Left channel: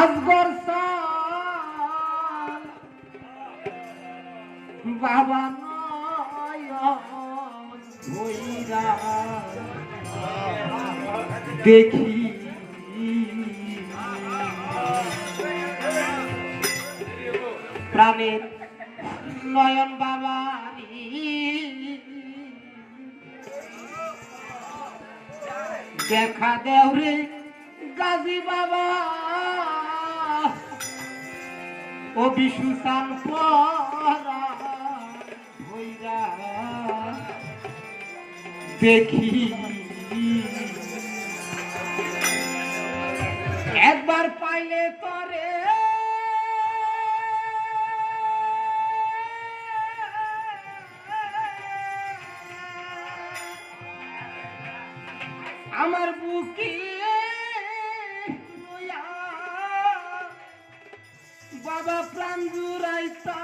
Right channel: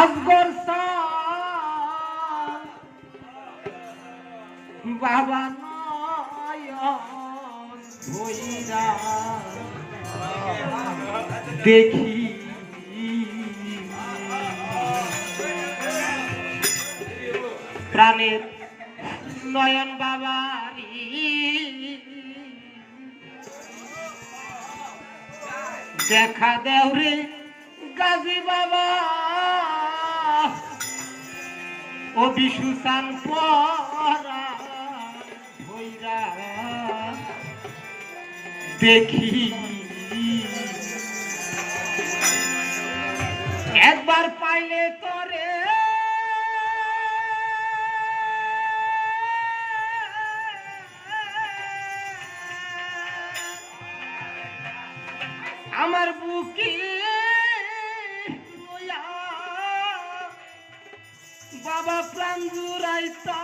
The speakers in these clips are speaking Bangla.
আজগর বাবা দেখি। প্রাণের নয়ন বাবারি। দেখা দেওরে গাজী বাবা। ও বিশু দেখি একবার পাইলে তরে। আমার বুকে বাবা প্রাণ জুড়াইতা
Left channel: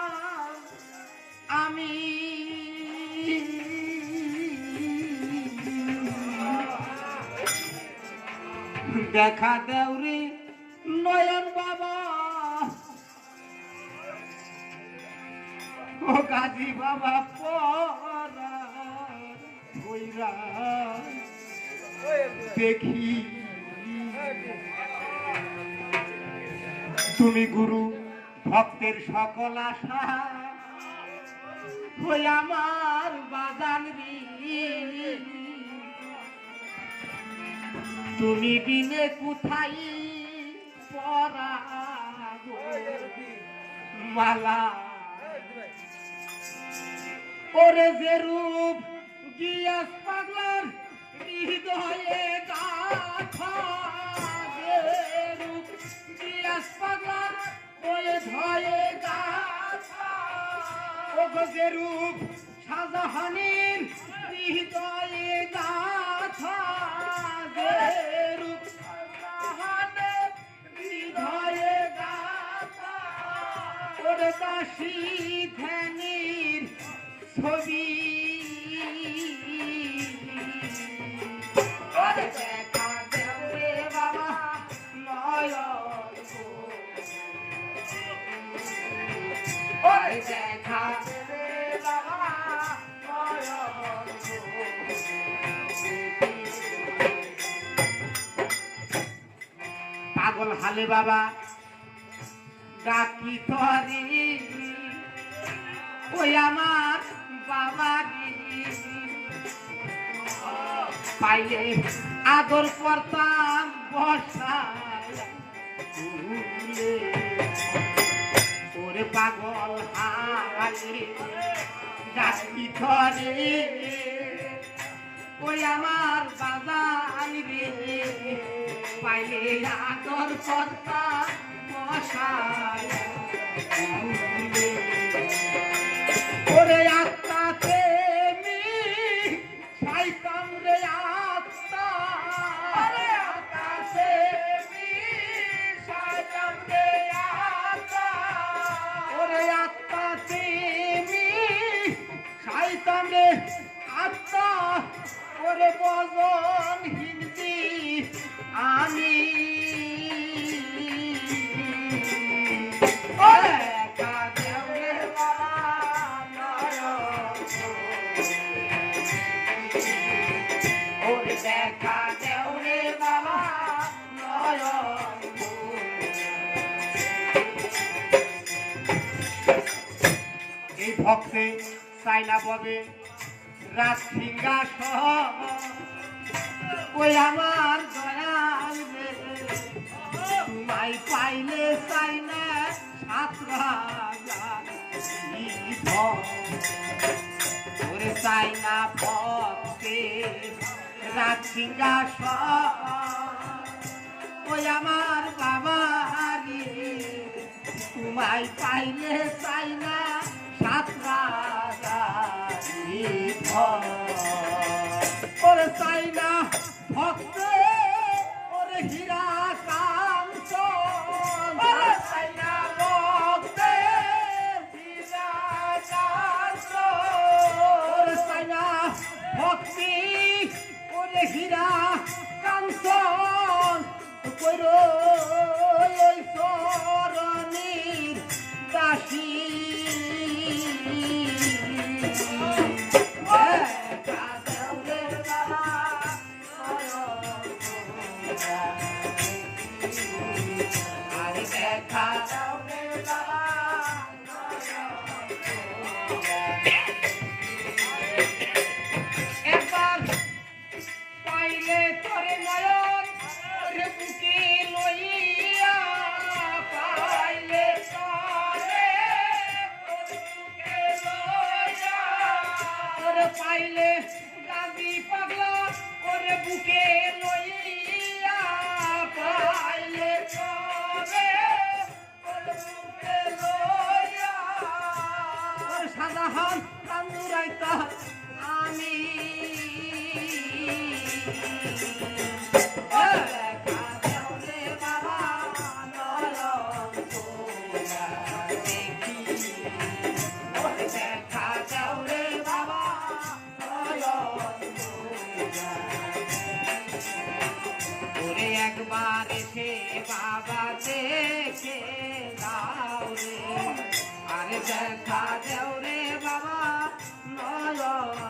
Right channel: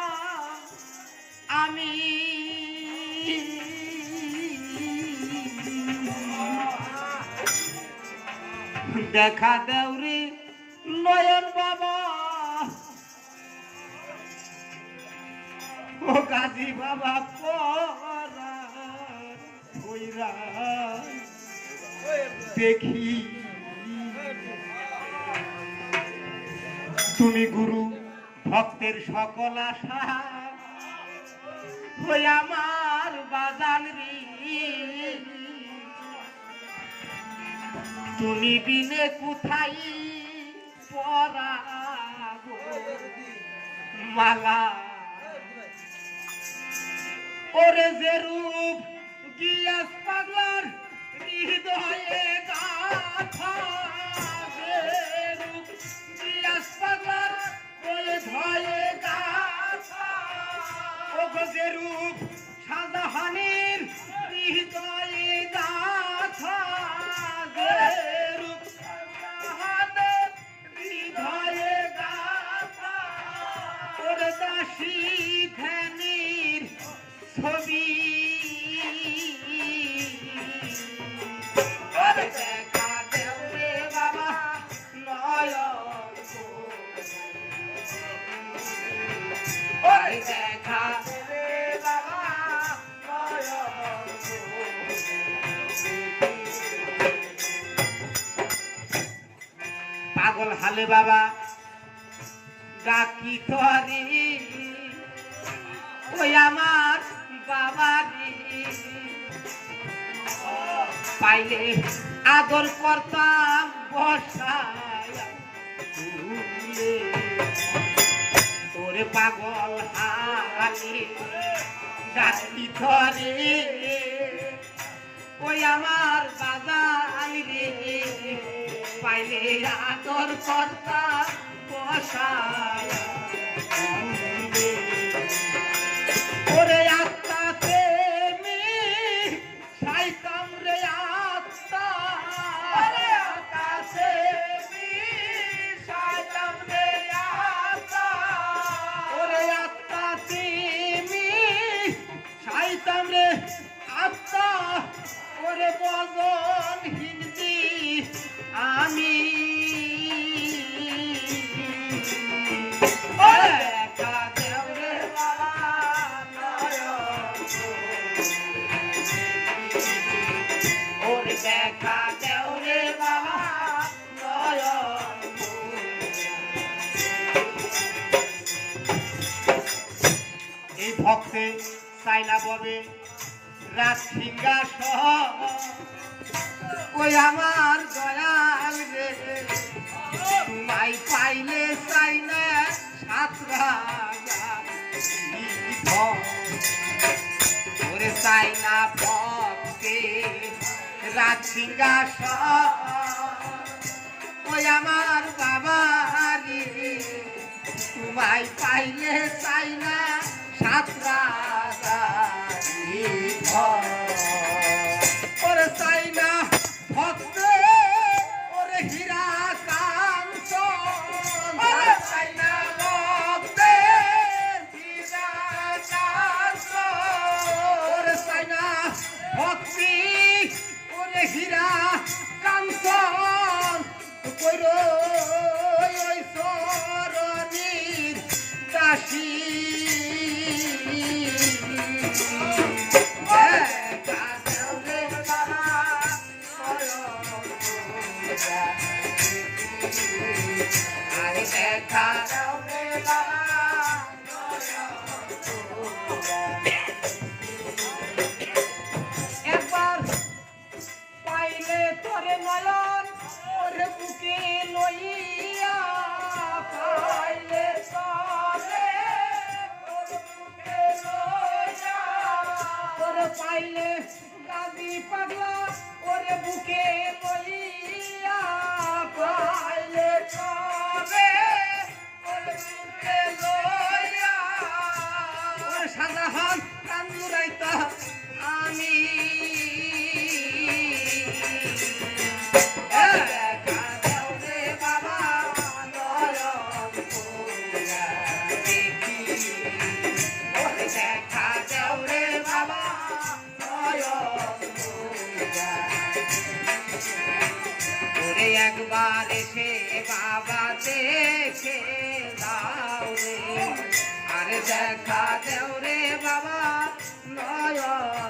আমি। দেখা দেওরে নয়ন বাবা। ও গাজী বাবা হইরা। দেখি তুমি গুরু, ভক্তের সকল আশা। ওই আমার বাজান তুমি বিনে কোথায় পরাবো? মালা। ওরে যে রূপ গিয়াস পাগলার হৃদয়ে গাথা। পাগলার ওই গাথা ও গো যে রূপ শাহজাহানের হৃদয়ে যে রূপ হৃদয়ে গাথা, ওরে দাসী ধ্যানের ছবি। দেখা দেবে পাগল হালে বাবা ডাকি তরি ওই আমার বাবারি। পাইলে আদর করতাম বসায় ওরে পাগল হালে ডাকি ধরে। ওই আমার বাবাই রে পাইলে আদর সরকার বসায়। সাইলা ববে। রাত সিংহাসন ওই আমার দয়াল রে। নাই পাইলে চাই না সাত রাজা ওরে চাই না ভক্তে রাত সিংহাসন ওই আমার বাবারি তোমায় পাইলে চাই না সাত রাজারি ওরে চাই না পাইলে গাবি পাগলা ওরে বুকে একবার এসে বাবা দেখে দাও রে। আর দেখা দেও রে বাবা নয়ন গো